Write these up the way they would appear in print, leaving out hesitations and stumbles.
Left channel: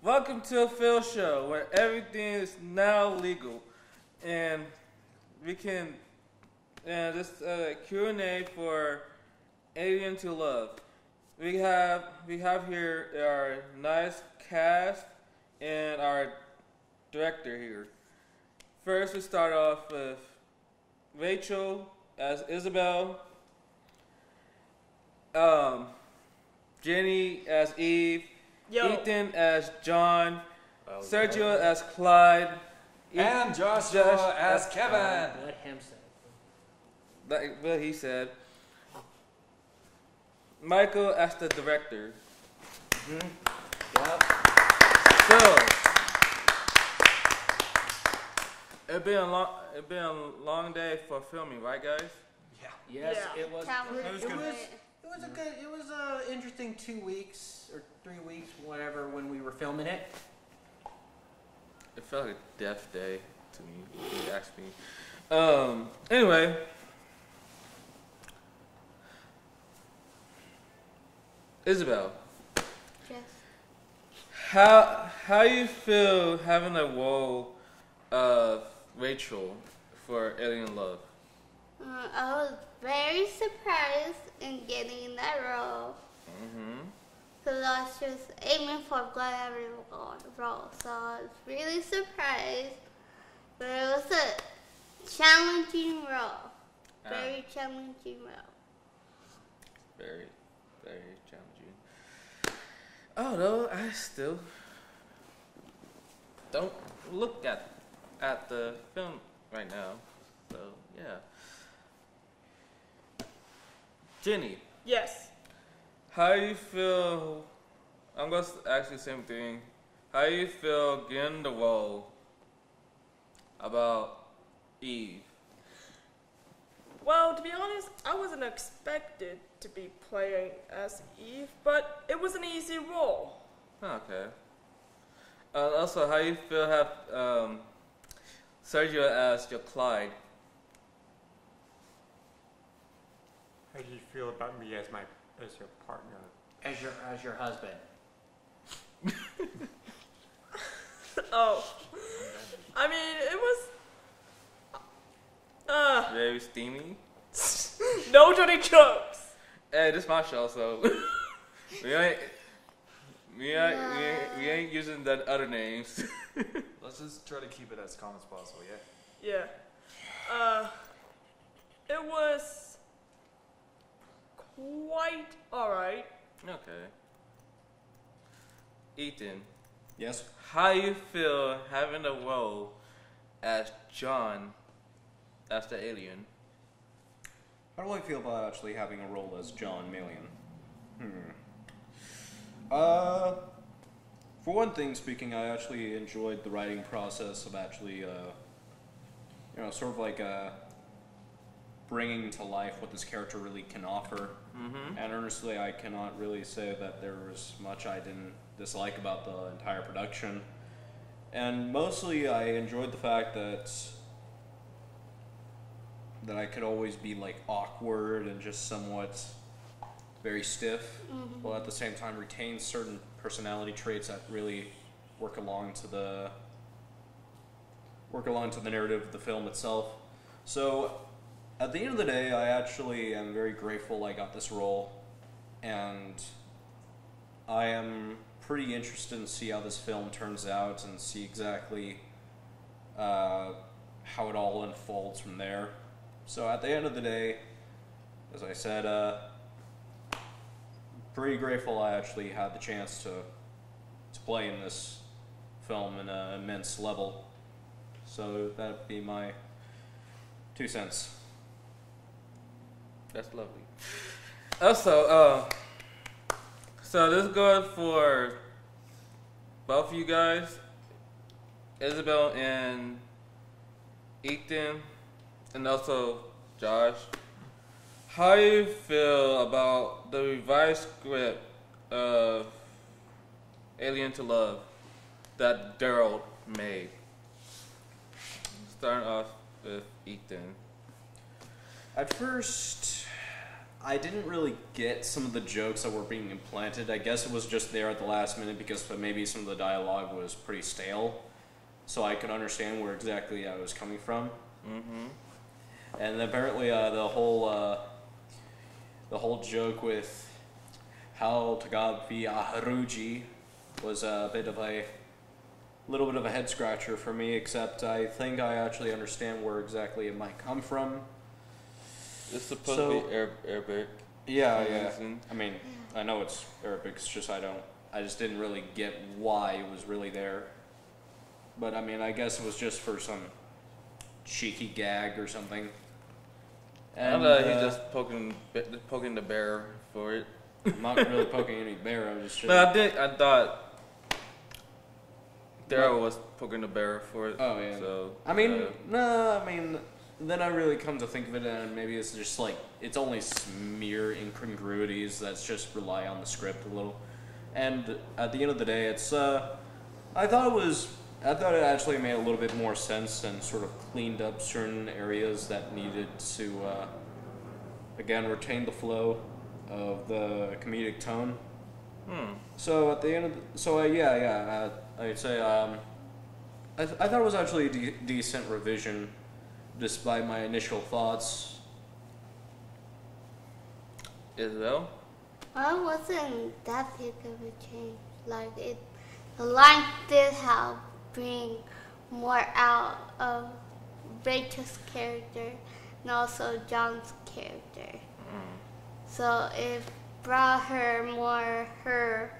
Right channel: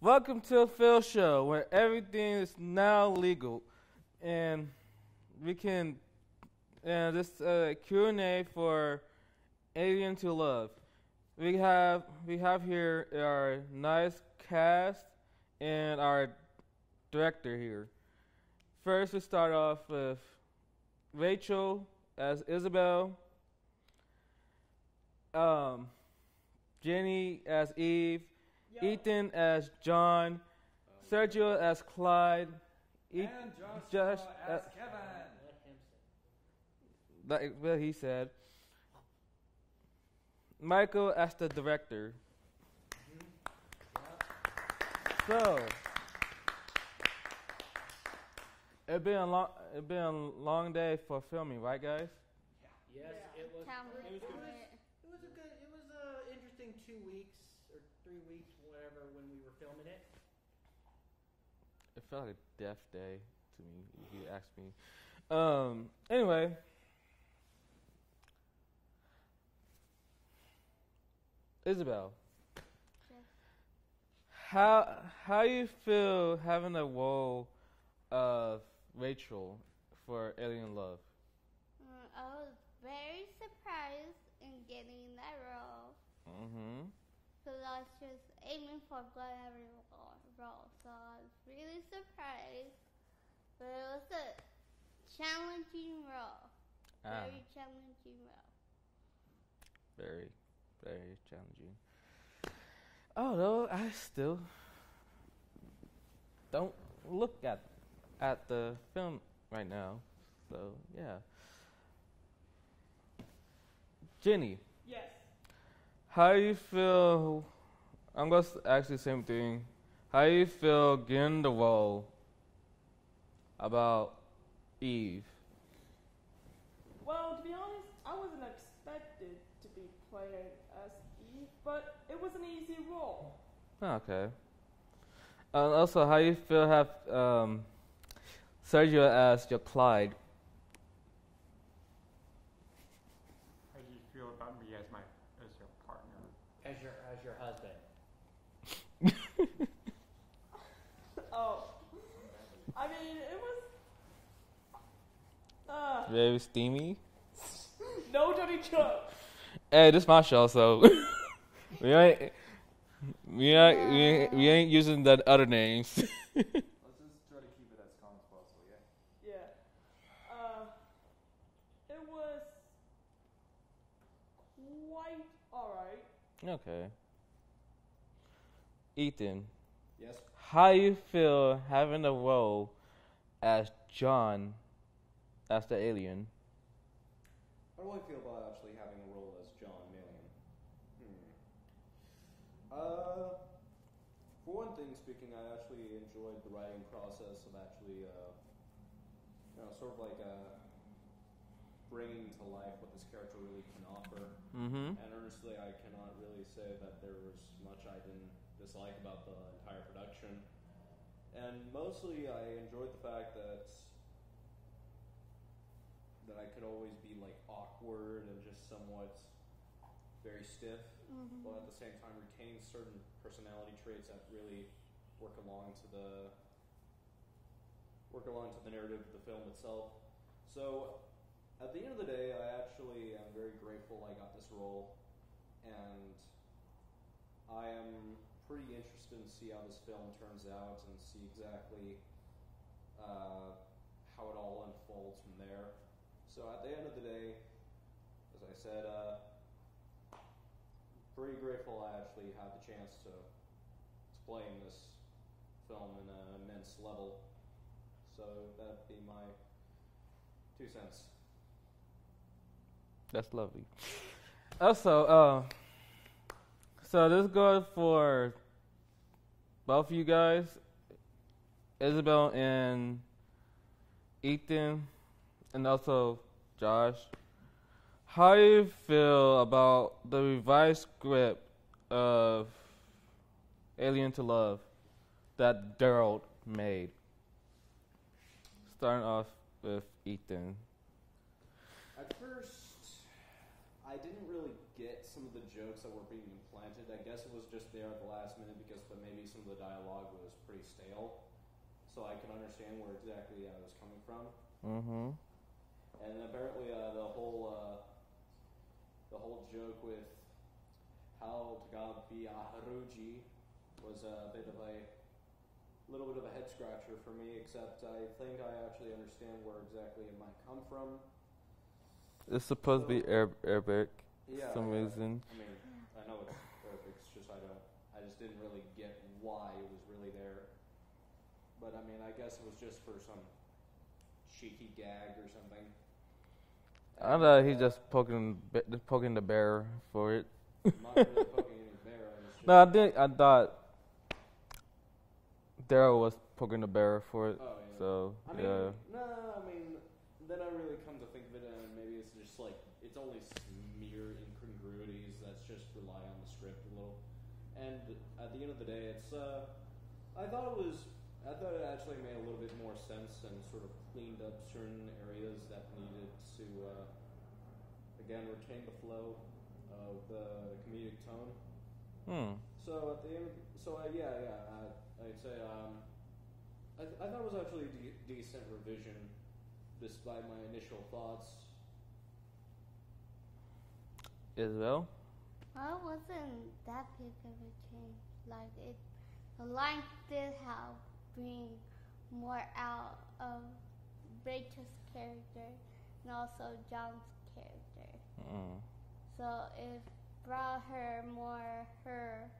Welcome to a Phil show where everything is now legal, and we can this Q&A for Alien to Love. We have here our nice cast and our director here. First, we start off with Rachel as Isabel, um, Jenny as Eve, Yo. Ethan as John, Sergio as Clyde, And Joshua as Kevin. Let him say. like what he said. Michael as the director. Yep. So it's been a long day for filming, right, guys? Yes, Yeah. it was. It was good. It was a good. It was a interesting 2 weeks or 3 weeks, whatever, when we were filming it. It felt like a death day to me, if you ask me. Anyway. Isabel, Yes. how you feel having the role of Rachel for Alien Love? I was very surprised in getting that role Mm-hmm. because I was just aiming for whatever role, so I was really surprised. But it was a challenging role, very challenging role. Very, very challenging. I don't know. I still don't look at the film right now. So yeah. Jenny, Yes. how you feel? I'm gonna ask you the same thing. How you feel getting the role about Eve? Well, to be honest, I wasn't expected to be playing as Eve, but it was an easy role. Okay. Also, how you feel have Sergio as your Clyde? How do you feel about me as your partner? As your husband. Oh, I mean, it was. Very steamy. No dirty jokes. Hey, this is my show, so we ain't using the other names. Let's just try to keep it as calm as possible, yeah? Yeah. It was quite alright. Okay. Ethan, Yes. how you feel having a role as John, as the alien? How do I feel about actually having a role as John Million? For one thing, speaking, I actually enjoyed the writing process of actually, sort of like bringing to life what this character really can offer. Mm-hmm. And honestly, I cannot really say that there was much I didn't dislike about the entire production. And mostly, I enjoyed the fact that I could always be like awkward and just somewhat very stiff, while at the same time retain certain personality traits that really work along to the narrative of the film itself. So at the end of the day, I actually am very grateful I got this role, and I am pretty interested in see how this film turns out and see exactly how it all unfolds from there. So at the end of the day, as I said, pretty grateful I actually had the chance to play in this film in an immense level. So that'd be my 2 cents. That's lovely. Also, so this goes for both of you guys, Isabel and Ethan, and also Josh. How do you feel about the revised script of Alien to Love that Daryl made? Starting off with Ethan. At first, I didn't really get some of the jokes that were being implanted. I guess it was just there at the last minute because maybe some of the dialogue was pretty stale, so I could understand where exactly I was coming from. Mm-hmm. And apparently, the whole joke with how Tagabi Haruji was a little bit of a head scratcher for me. Except I think I actually understand where exactly it might come from. It's supposed to be Arabic. Yeah. I mean, I know it's Arabic. It's just I just didn't really get why it was really there. But I mean, I guess it was just for some cheeky gag or something. I thought he's just poking the bear for it. I'm not really poking any bear. I'm just. No, I thought Daryl was poking the bear for it. Oh yeah. So I mean, no. I mean, then I really come to think of it, and maybe it's just like it's only mere incongruities that's just rely on the script a little. And at the end of the day, it's. I thought it actually made a little bit more sense and sort of cleaned up certain areas that needed to, again, retain the flow of the comedic tone. So at the end of I'd say I thought it was actually a decent revision, despite my initial thoughts. Isabel? Well, it wasn't that big of a change. Like the line did help bring more out of Rachel's character and also John's character. So it brought her more her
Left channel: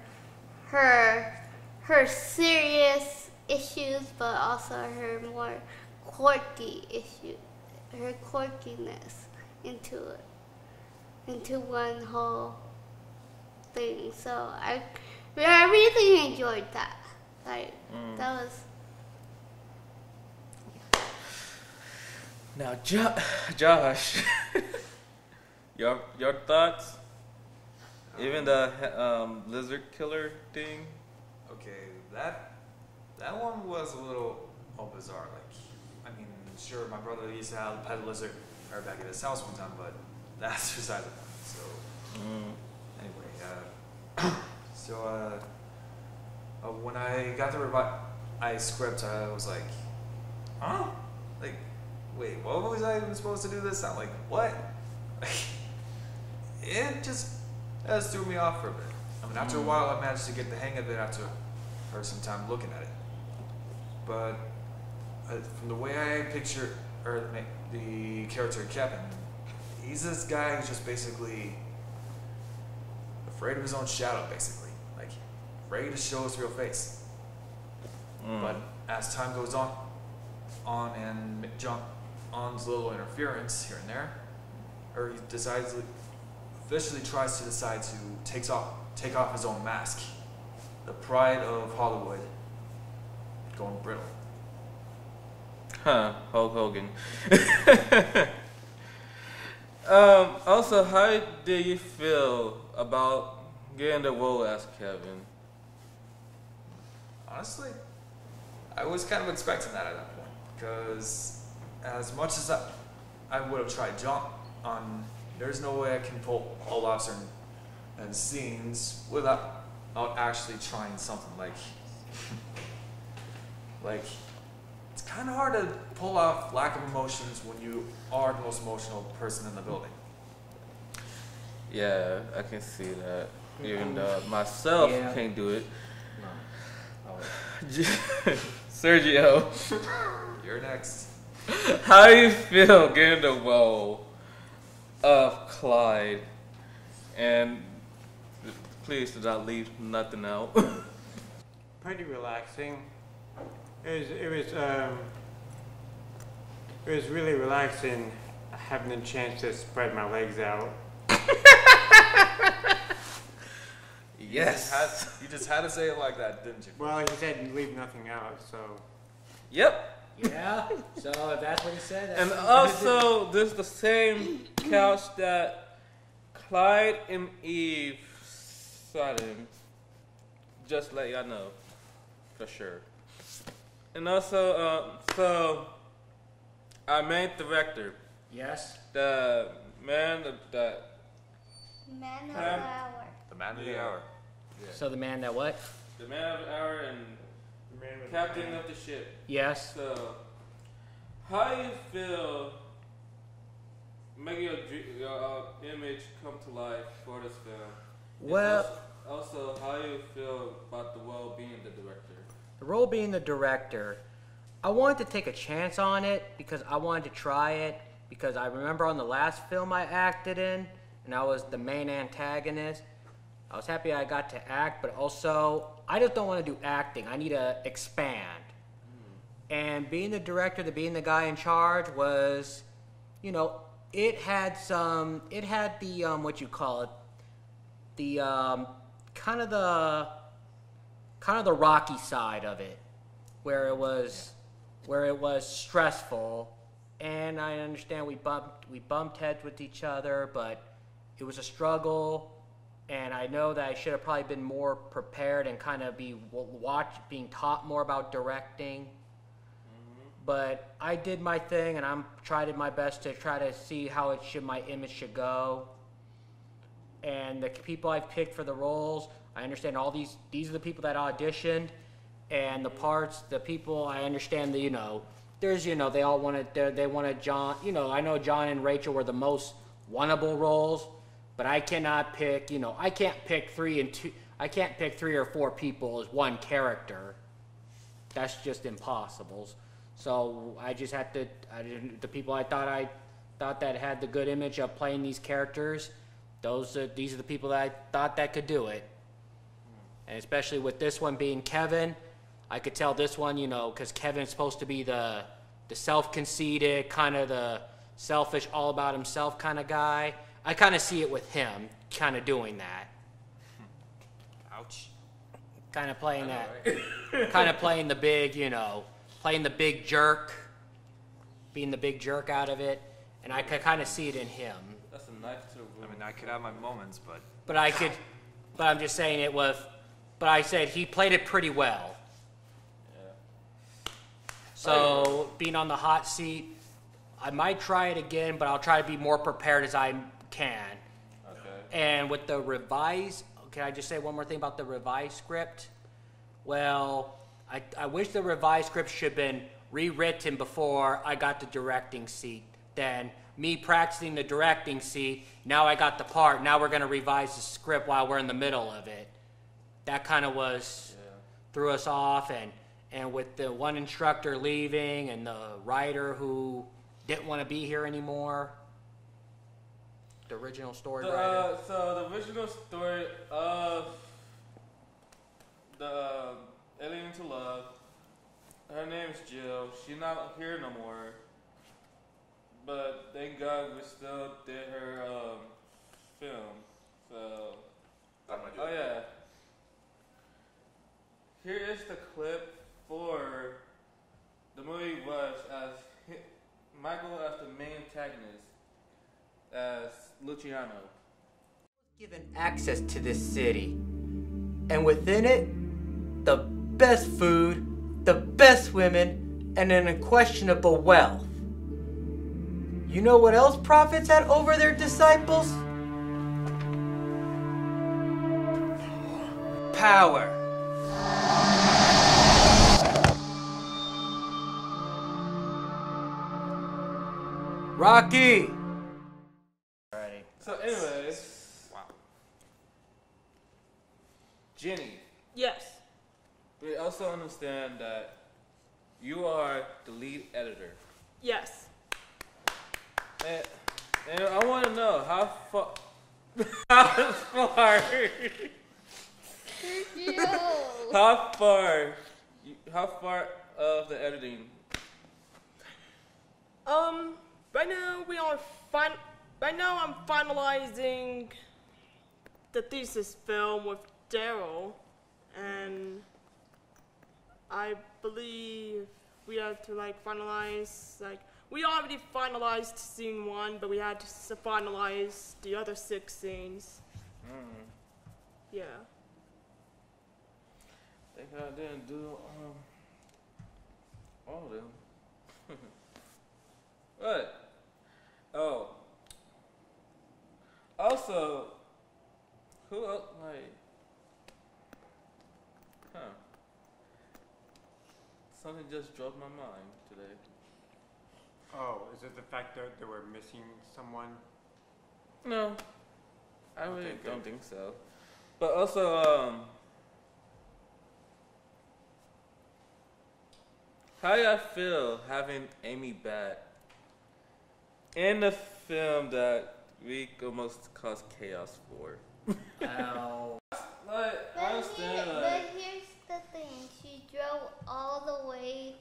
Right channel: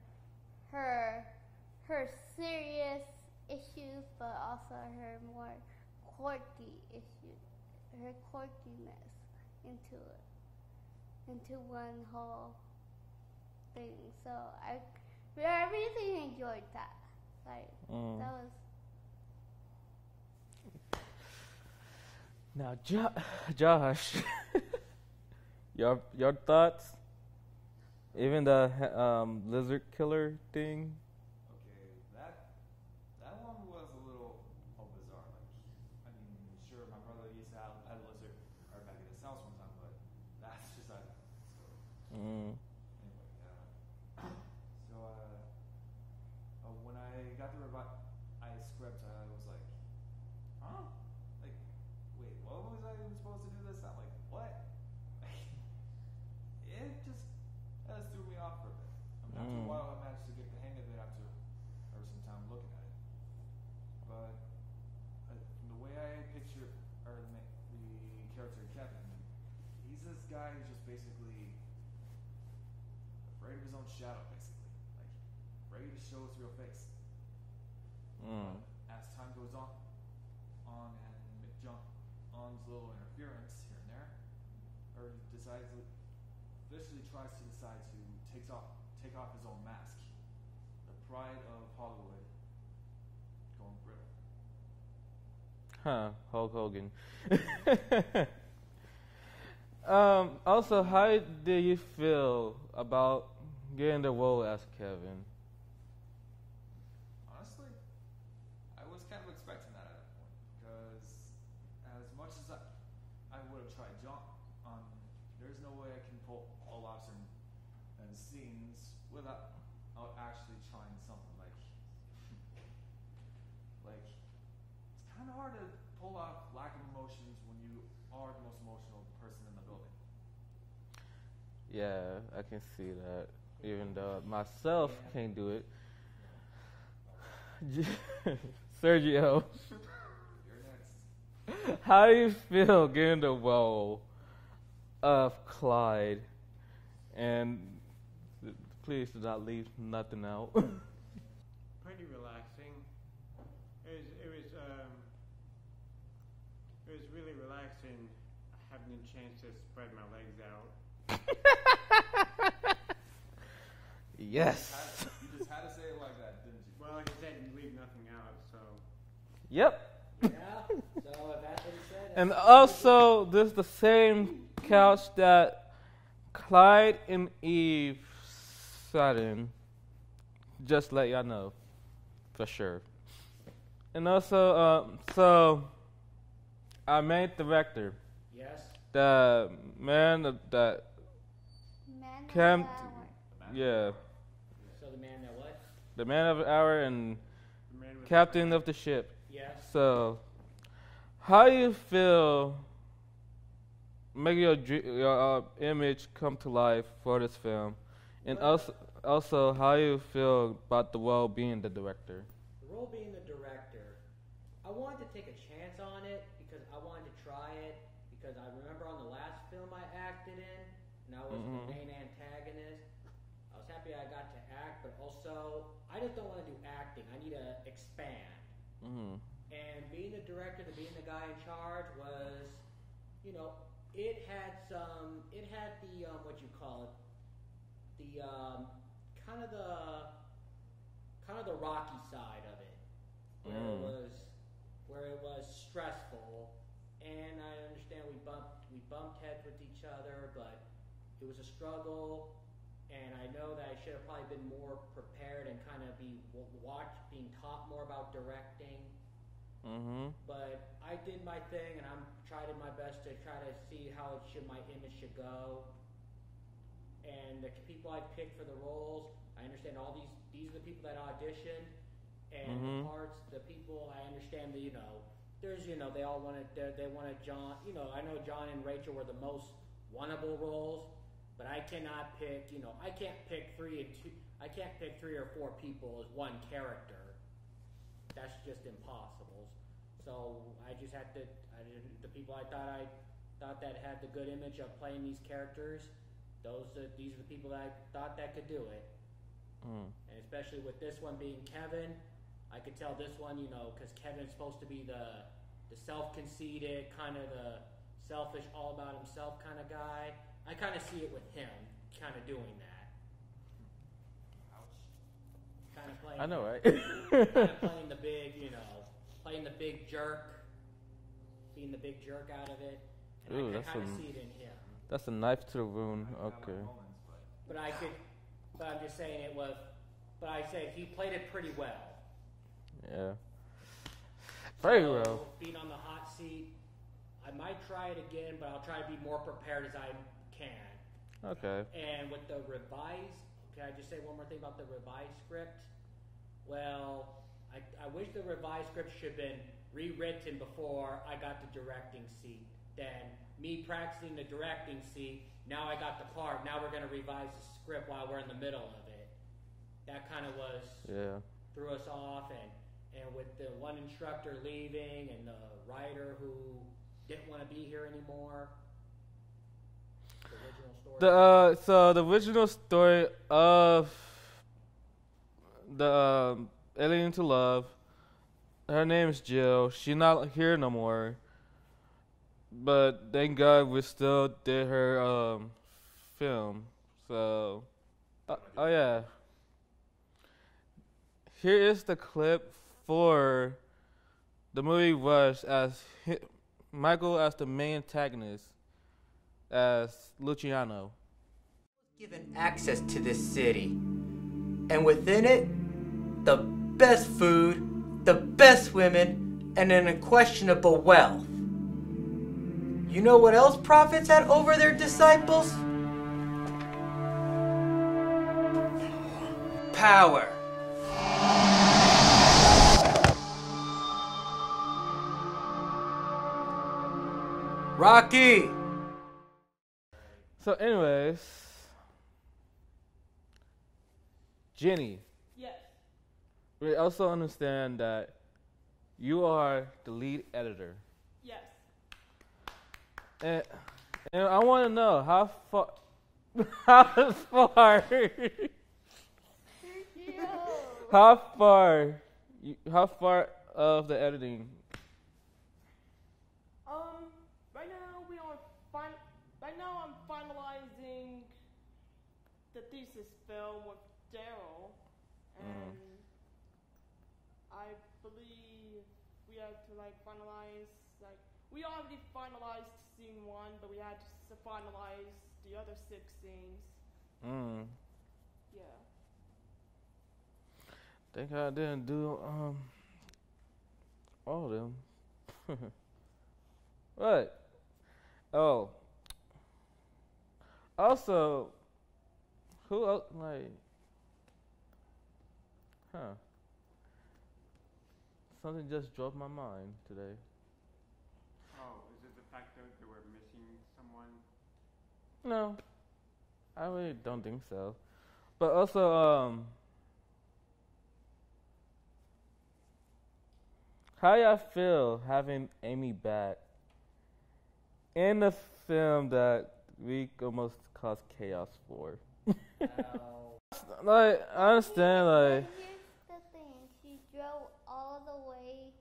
serious issues, but also her more quirky issues, her quirkiness into one whole thing. So I really enjoyed that. Like that was. Now, Josh, your thoughts? Even the lizard killer thing. Okay, that one was a little bizarre. Like, I mean, sure, my brother used to have a lizard right back at his house one time, but that's beside the point. So, anyway, when I got the script, I was like, huh? Like, wait, what was I even supposed to do this? I'm like, what? It just threw me off for a bit. I mean, after a while, I managed to get the hang of it after some time looking at it. But from the way I picture the character Kevin, he's this guy who's just basically afraid of his own shadow, basically. Like, ready to show his real face. But as time goes on and John's little interference here and there, or he officially tries to decide to take off his own mask. The pride of Hollywood going brittle. Huh, Hulk Hogan. Also, how did you feel about getting the role as Kevin? Honestly, I was kind of expecting that at that point, because as much as I would have tried John on, there's no way I can pull off certain scenes without actually trying something like it's kind of hard to pull off lack of emotions when you are the most emotional person in the building. Yeah, I can see that. Even though myself can't do it. No. Sergio, You're next. how do you feel getting the role of Clyde? And please do not leave nothing out. Pretty relaxing. It was really relaxing having the chance to spread my legs out. Yes. You just had to say it like that, didn't you? Well, he said leave nothing out, so. Yep. Yeah. So if that's what he said. That's And what also, this is the same couch that Clyde and Eve sat in. Just let y'all know, for sure. And also, so our main director, Yes. the man that Man of Cam- the hour. The man of Yeah. the hour. So the man that what? The man of the hour and captain of the ship. Yes. So, how you feel making your image come to life for this film? And Well- also, how you feel about the role being the director? The role being the director, I wanted to take a chance on it because I wanted to try it because I remember on the last film I acted in, and I was the main antagonist. I was happy I got to act, but also I just don't want to do acting. I need to expand. And being the director, being the guy in charge was, you know, it had the what you call it, the kind of the rocky side of it, where it was stressful, and I understand we bumped heads with each other, but it was a struggle, and I know that I should have probably been more prepared and kind of being taught more about directing. But I did my thing, and I'm tried my best to try to see how my image should go. And the people I've picked for the roles, I understand all these are the people that auditioned, and the people I understand that, there's, they all wanted John, I know John and Rachel were the most winnable roles, but I cannot pick, I can't pick I can't pick 3 or 4 people as one character. That's just impossible. So I just had to, the people I thought that had the good image of playing these characters, these are the people that I thought that could do it. And especially with this one being Kevin, I could tell this one, because Kevin's supposed to be the self-conceited, kind of the selfish, all about himself kind of guy. I kind of see it with him, kind of doing that. Ouch. Kind of playing I know, that. right? Kind of playing the big, playing the big jerk, being the big jerk out of it. And I could kind of see it in him. That's a knife to the room. I mean, I could have my moments, but But I'm just saying but I said he played it pretty well. Yeah. So being on the hot seat, I might try it again, but I'll try to be more prepared as I can. Okay. And with the revised, can I just say one more thing about the revised script? Well, I wish the revised script should have been rewritten before I got the directing seat. Then me practicing the directing seat, now I got the part, now we're going to revise the script while we're in the middle of it. That kind of threw us off, and with the one instructor leaving and the writer who didn't want to be here anymore, the original story. So the original story of the Alien to Love, her name's Jill. She's not here no more. But thank God we still did her film. So, oh yeah. Here is the clip for the movie Rush as Michael as the main antagonist as Luciano. Given access to this city, and within it, the best food, the best women, and an unquestionable wealth. You know what else prophets had over their disciples? Power. Rocky. So, anyways, Jenny, Yes. we also understand that you are the lead editor. Yes. And I want to know how far, how far, how far of the editing. Right now I'm finalizing the thesis film with Daryl, and I believe we have to finalize we already finalized scene 1, but we had to finalize the other 6 scenes. Yeah. Think I didn't do all of them. What? Oh. Also, Who else? Like, huh? Something just dropped my mind today. Oh, is it the fact that they were missing someone? No, I really don't think so. But also, how y'all feel having Amy back in the film that we almost caused chaos for? Ow. Like, I understand, like. But here's the thing. She drove all the way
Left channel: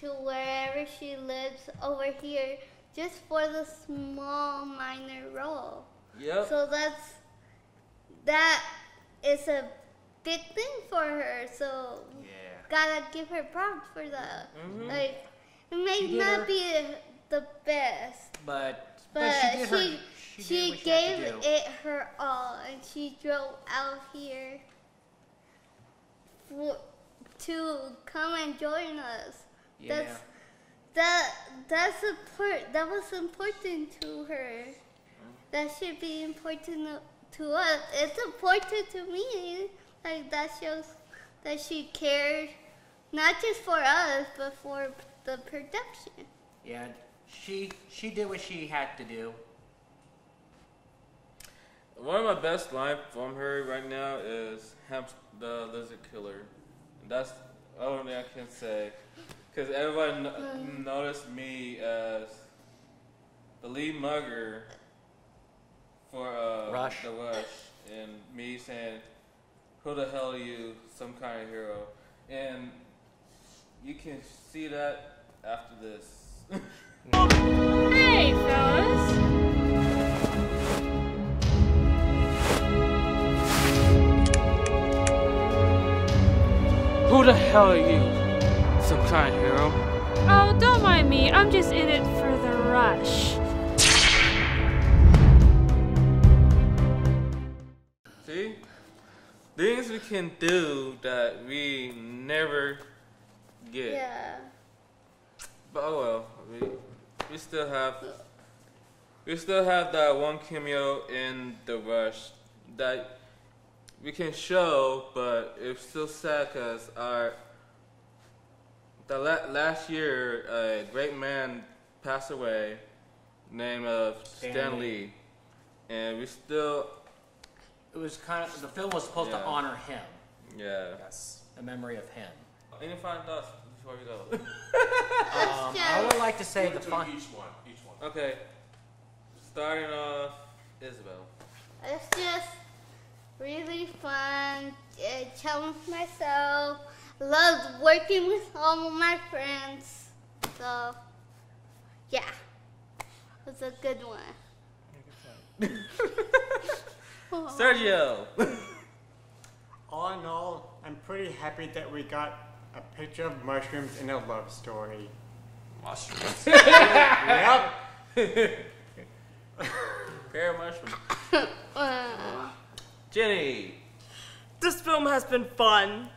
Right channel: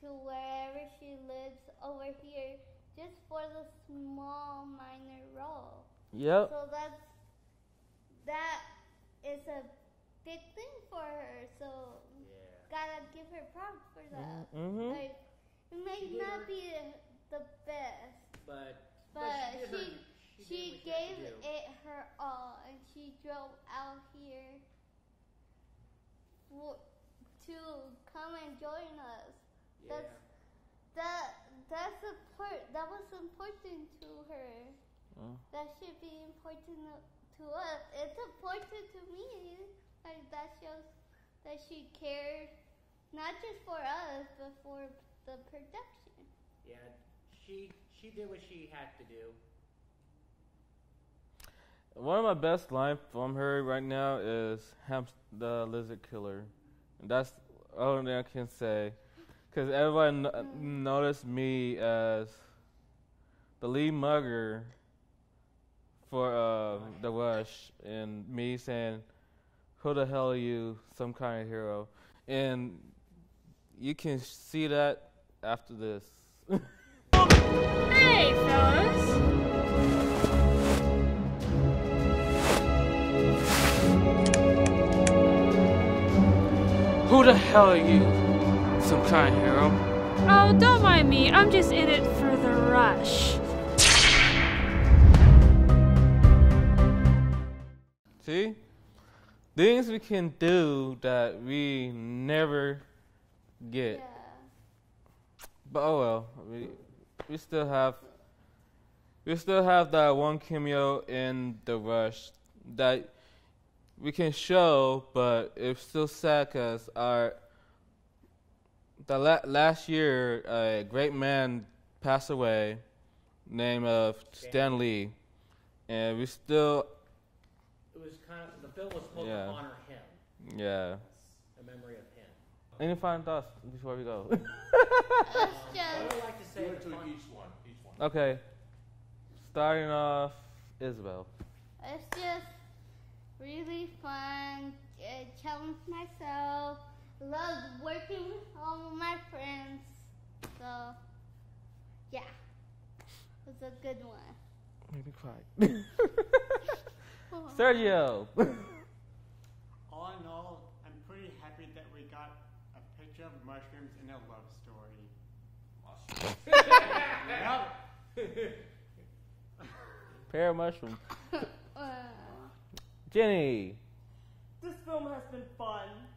to wherever she lives over here just for the small minor role. Yep. So that is a big thing for her. So gotta give her props for that. Mm-hmm. Like, it may not be the best, But she gave it her all, and she drove out here to come and join us. Yeah. That was important to her. That should be important to us. It's important to me. Like, that shows that she cared, not just for us, but for the production. Yeah, she did what she had to do. One of my best lines from her right now is the lizard killer. And that's the only thing I can say. Because everyone noticed me as the lead mugger for the Rush. And me saying, who the hell are you? Some kind of hero. And you can see that after this. Hey, fellas. Who the hell are you? Some kind of hero? Oh, don't mind me. I'm just in it for the rush. See? Things we can do that we never get. Yeah. But oh well. We still have that one cameo in the Rush that we can show, but it's still sad because last year a great man passed away named Stan Lee, and we still. It was the film was supposed to honor him. Yeah. Yes. A memory of him. Any final thoughts before we go? I would like to say each one. Okay. Starting off, Isabel. It's just really fun. Challenge myself. Loved working with all of my friends. So, yeah. It was a good one. Sergio. All in all, I'm pretty happy that we got a picture of mushrooms in a love story. Mushrooms. Yep. Pear mushroom. Jenny. This film has been fun,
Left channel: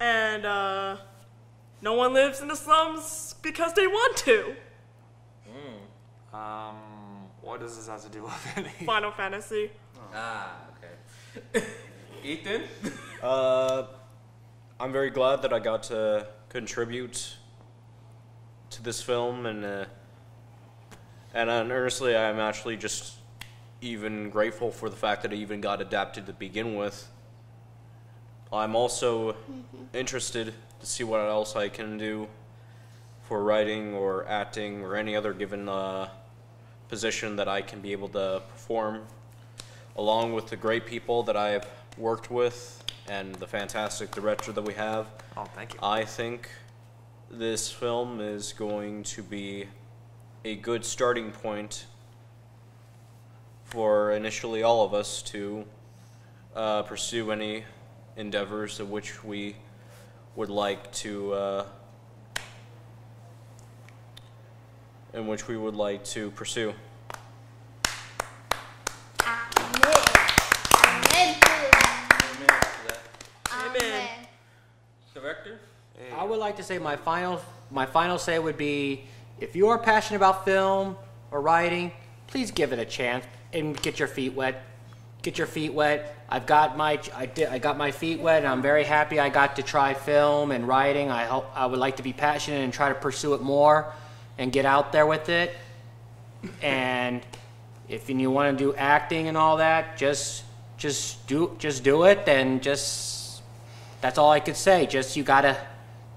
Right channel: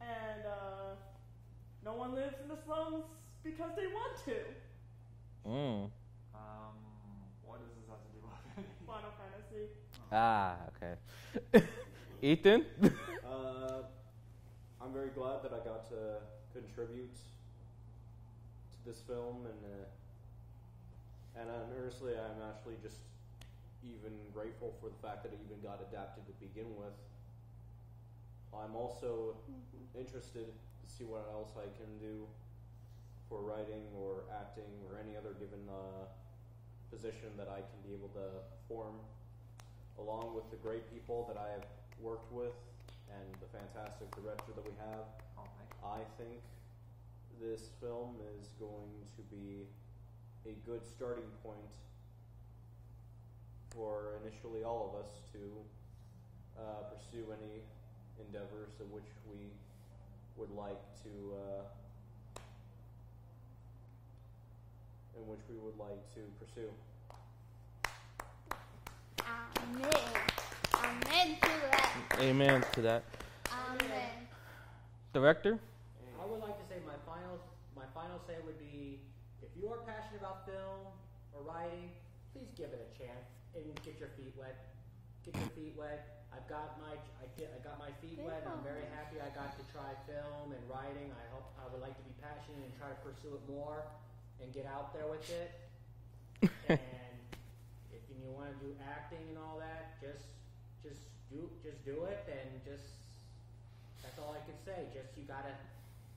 and no one lives in the slums because they want to. What does this have to do with anything? Final Fantasy. Ah, okay. Ethan? I'm very glad that I got to contribute to this film, and honestly, I'm actually just even grateful for the fact that it even got adapted to begin with. I'm also interested to see what else I can do for writing or acting or any other given position that I can be able to perform, along with the great people that I've worked with and the fantastic director that we have. Oh, thank you. I think this film is going to be a good starting point for initially all of us to pursue any endeavors of which we would like to pursue. Amen to that. Amen. Director? I would like to say my final say would be, if you are passionate about film or writing, please give it a chance and get your feet wet. get your feet wet. I got my feet wet, and I'm very happy I got to try film and writing. I would like to be passionate and try to pursue it more, and get out there with it. And if you want to do acting and all that, just do it. And that's all I could say. Just you gotta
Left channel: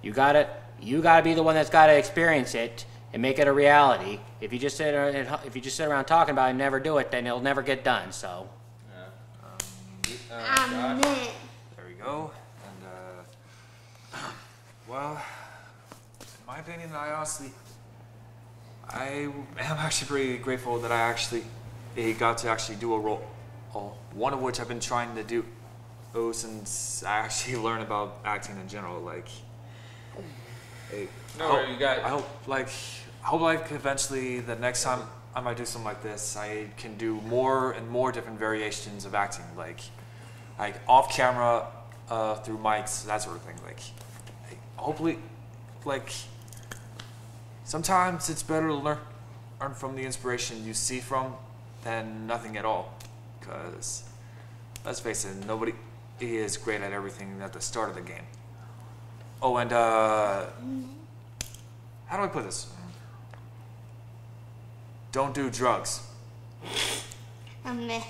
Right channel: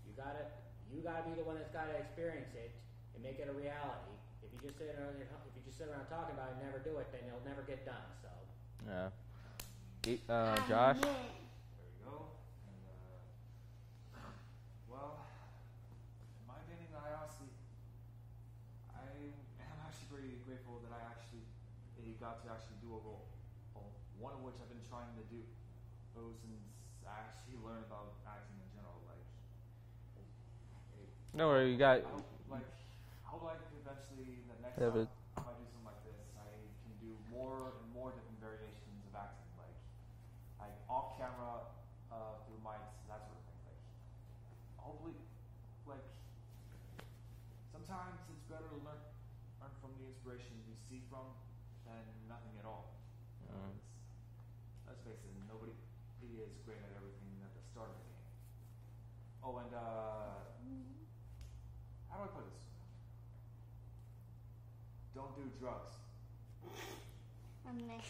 be the one that's gotta experience it and make it a reality. If you just sit around talking about it and never do it, then it'll never get done. So. Josh? There we go. And well, in my opinion, I am actually pretty grateful that I got to actually do a role, one of which I've been trying to do since I actually learned about acting in general. Like, I hope eventually the next time I might do something like this, I can do more and more different variations of acting, like off camera, through mics, that sort of thing. Like, hopefully, like, sometimes it's better to learn from the inspiration you see from than nothing at all. Because let's face it, nobody is great at everything at the start of the game. Oh, and how do I put this? Don't do drugs. Meh.